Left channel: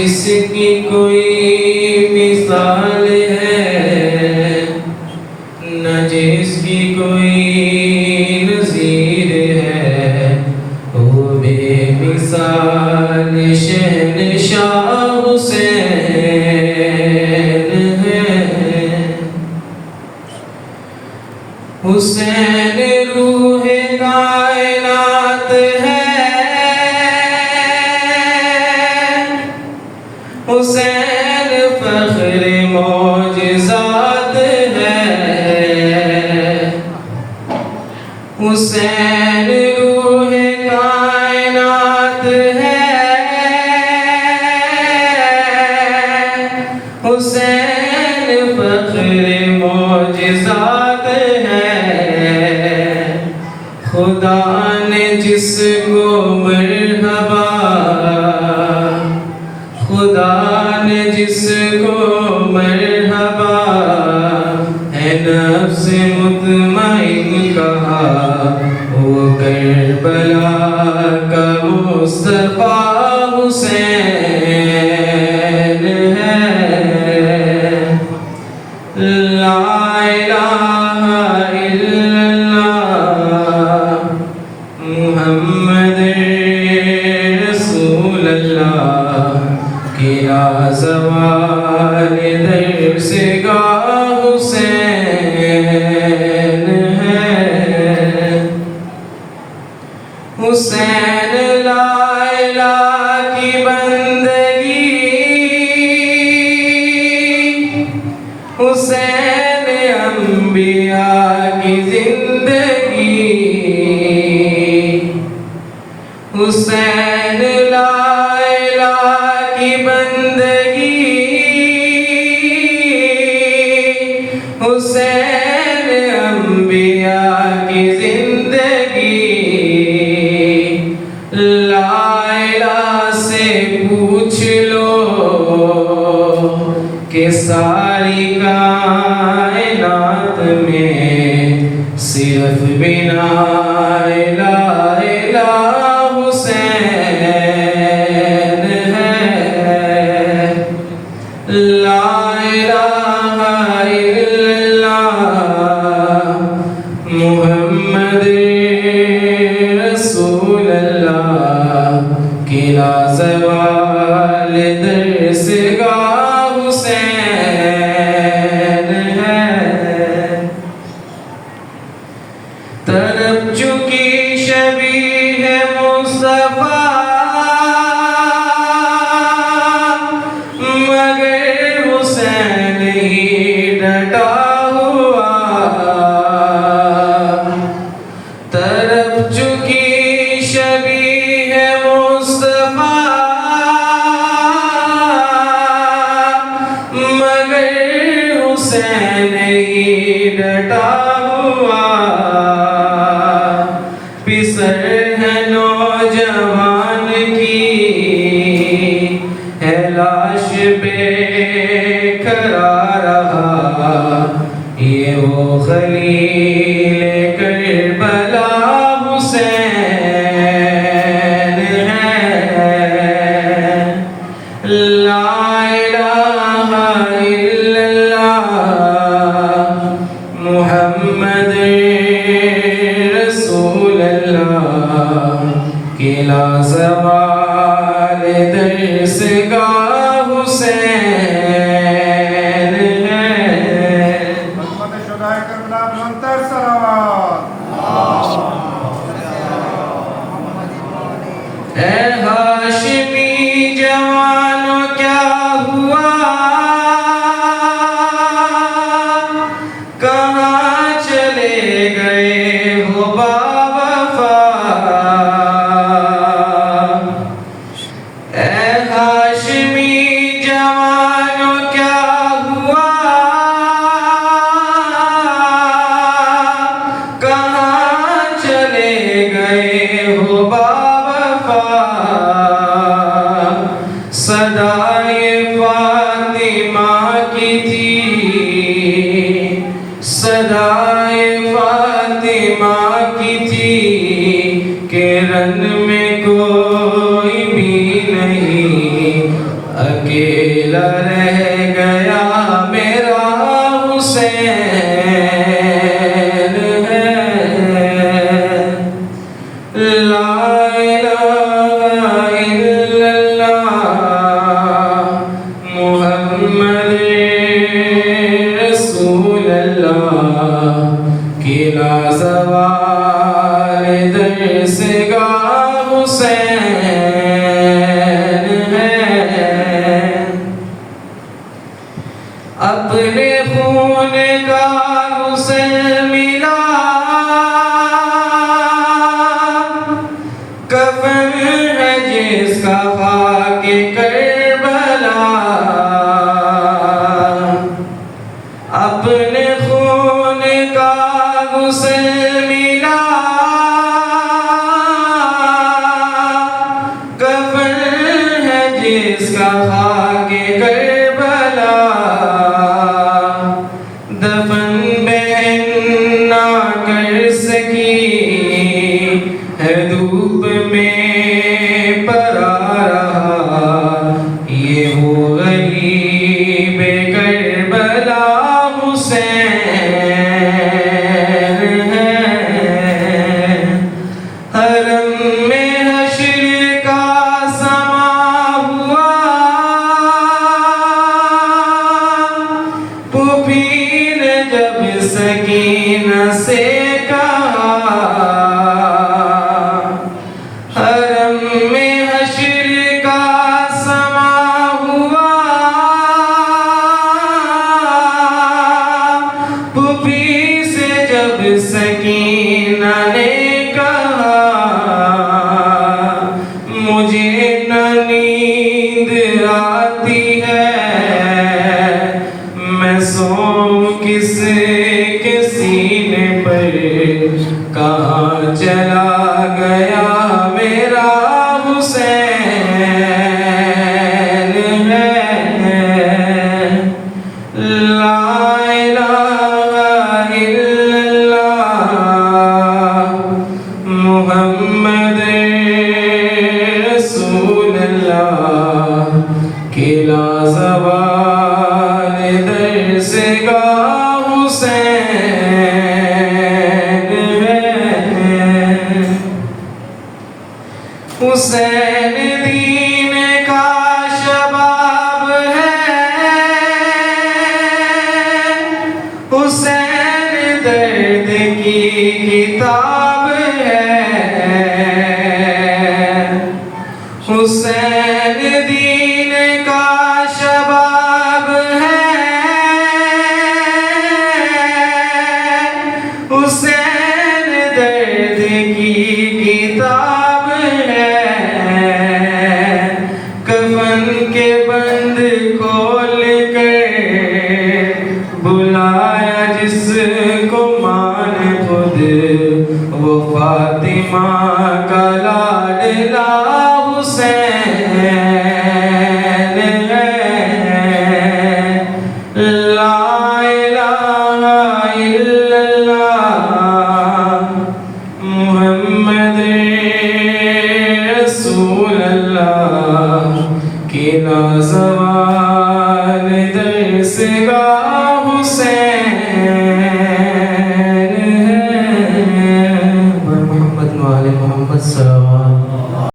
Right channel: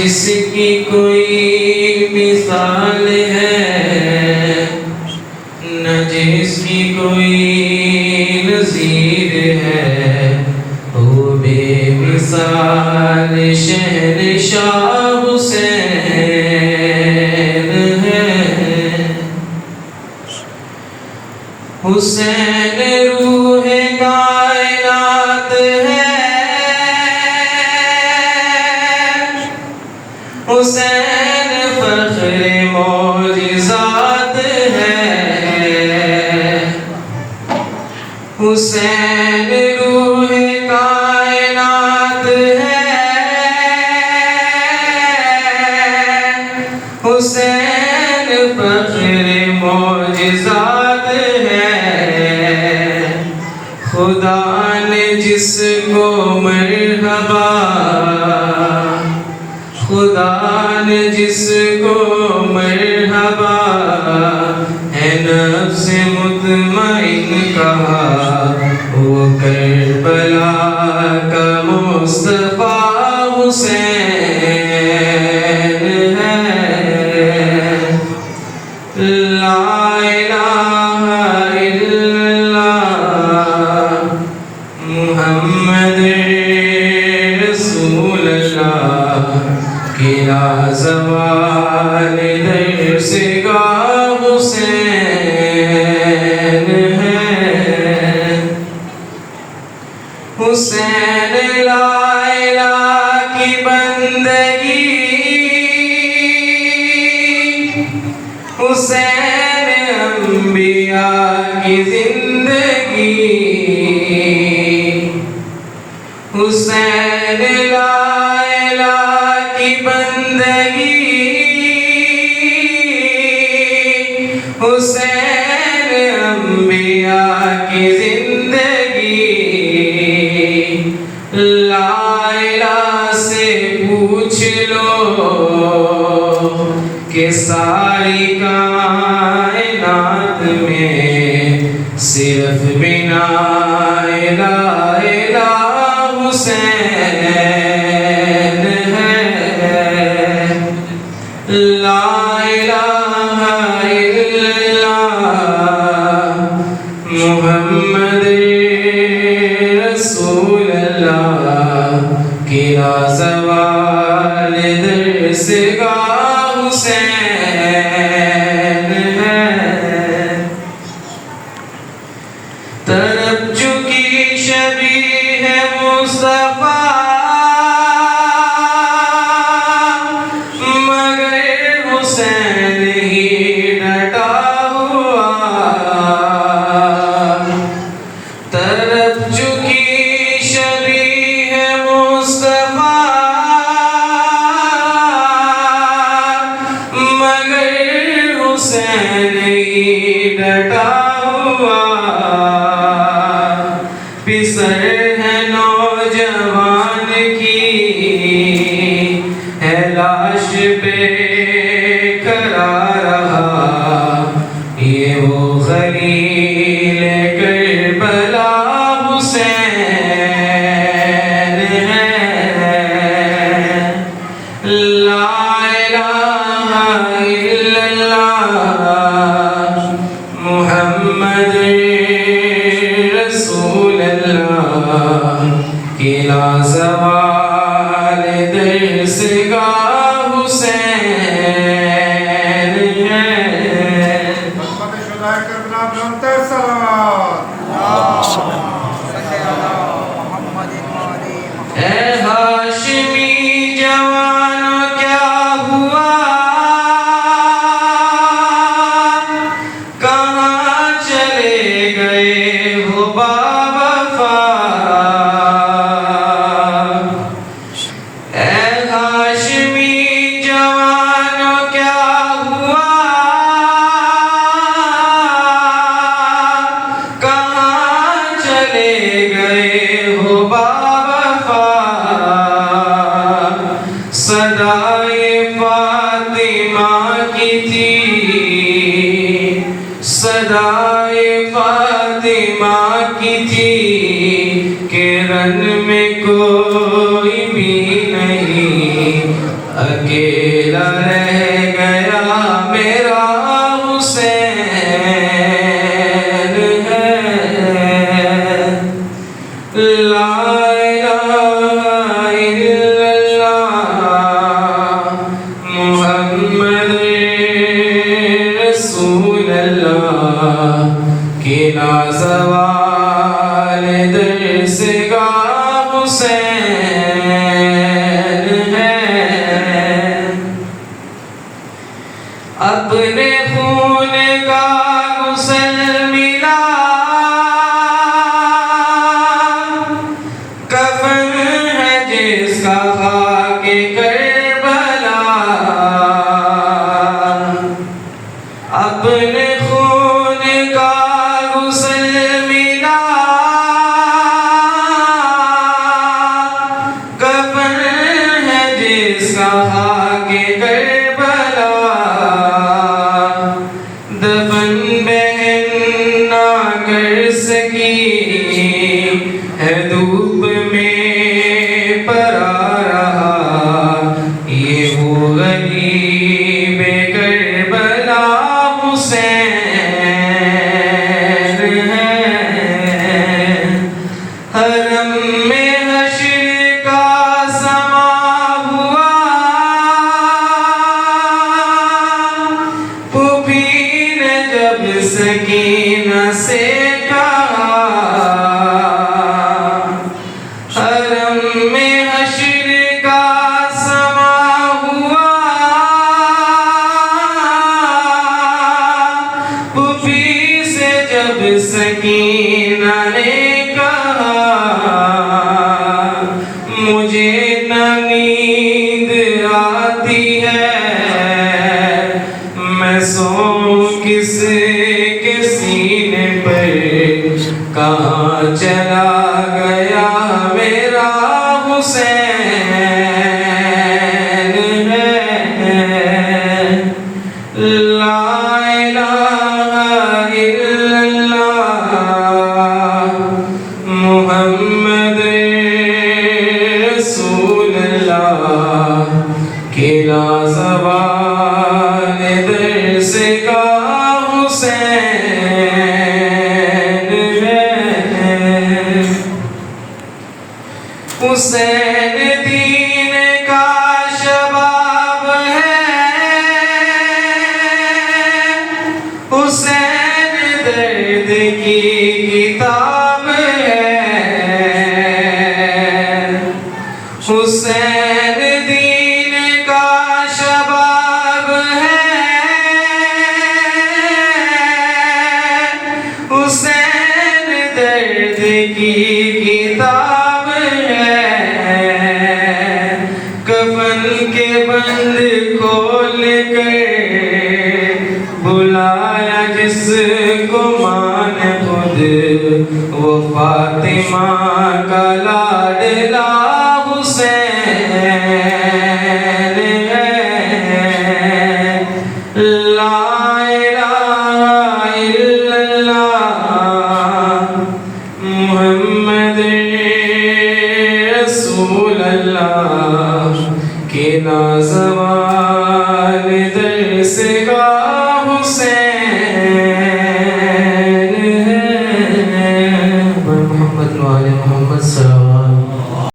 جس کی کوئی مثال ہے نہ جس کی کوئی نظیر ہے، وہ بے مثال شہنشاہ حسین ہے۔ حسین روح کائنات ہے، حسین فخر معجزات ہے، حسین روح کائنات ہے، حسین فخر معجزات ہے۔ خدا نے جس کو مرحبا، خدا نے جس کو مرحبا ہے نفس مطمئن کہا، وہ کربلا کا مصطفیٰ حسین ہے۔ لا الہ الا اللہ محمد رسول اللہ، کیا زوال درس گاہ حسین ہے۔ حسین لا الہ کی بندگی، حسین انبیاء کی زندگی، حسین لا الہ کی بندگی، حسین انبیاء کی زندگی۔ لا الہ سے پوچھ لو کہ ساری کائنات میں صرف بنا الہ الہ حسین ہے۔ لا الہ الا اللہ محمد رسول اللہ، کیا زوال درس گاہ حسین ہے۔ طرب چکی شبیہ مصطفیٰ، مگر حسین ہی ڈٹا ہوا۔ طرب چکی شبیہ مصطفیٰ، مگر حسین ہی ڈٹا ہوا۔ پسر ہے نوجوان کی ہے لاش پہ کھڑا رہا، یہ وہ خلیل کربلا حسین ہے۔ لا الہ الا اللہ محمد رسول اللہ، کیا زوال درس گاہ حسین ہے۔ اے کہ رن میں کوئی بھی نہیں، اکیلا رہ گیا میرا حسین ہے۔ لا الہ الا اللہ محمد رسول اللہ کی لازوال درسگاہ حسین ہے۔ اپنے خون کا غسل ملا، کفن ہے جس کا خاک کربلا۔ اپنے خون کا غسل ملا، کفن ہے جس کا خاک کربلا۔ دفن بہن نہ کر سکی ہے دھوپ میں پرا رہا، یہ وہ غریب کربلا حسین ہے۔ حرم میں حشر کا سما ہوا، پھوپھی نے جب سکینہ سے کہا، حرم میں حشر کا سما ہوا، پھوپھی سے جب سکینہ نے کہا، مجھے نہ نیند آتی ہے، میں سوؤں کس کے سینے پر، کہاں چلا گیا میرا حسین ہے۔ لا الہ الا اللہ محمد رسول اللہ کی لازوال درسگاہ حسین ہے۔ حسین دین کا شباب ہے، حسین درد کی کتاب ہے۔ حسین دین کا شباب ہے، حسین درد کی کتاب ہے۔ کفن کے بند کھول کر بلایا جس کو مان خود، وہ فاطمہ کا لاڈلا حسین ہے۔ لا الہ الا اللہ محمد رسول اللہ کی لازوال درسگاہ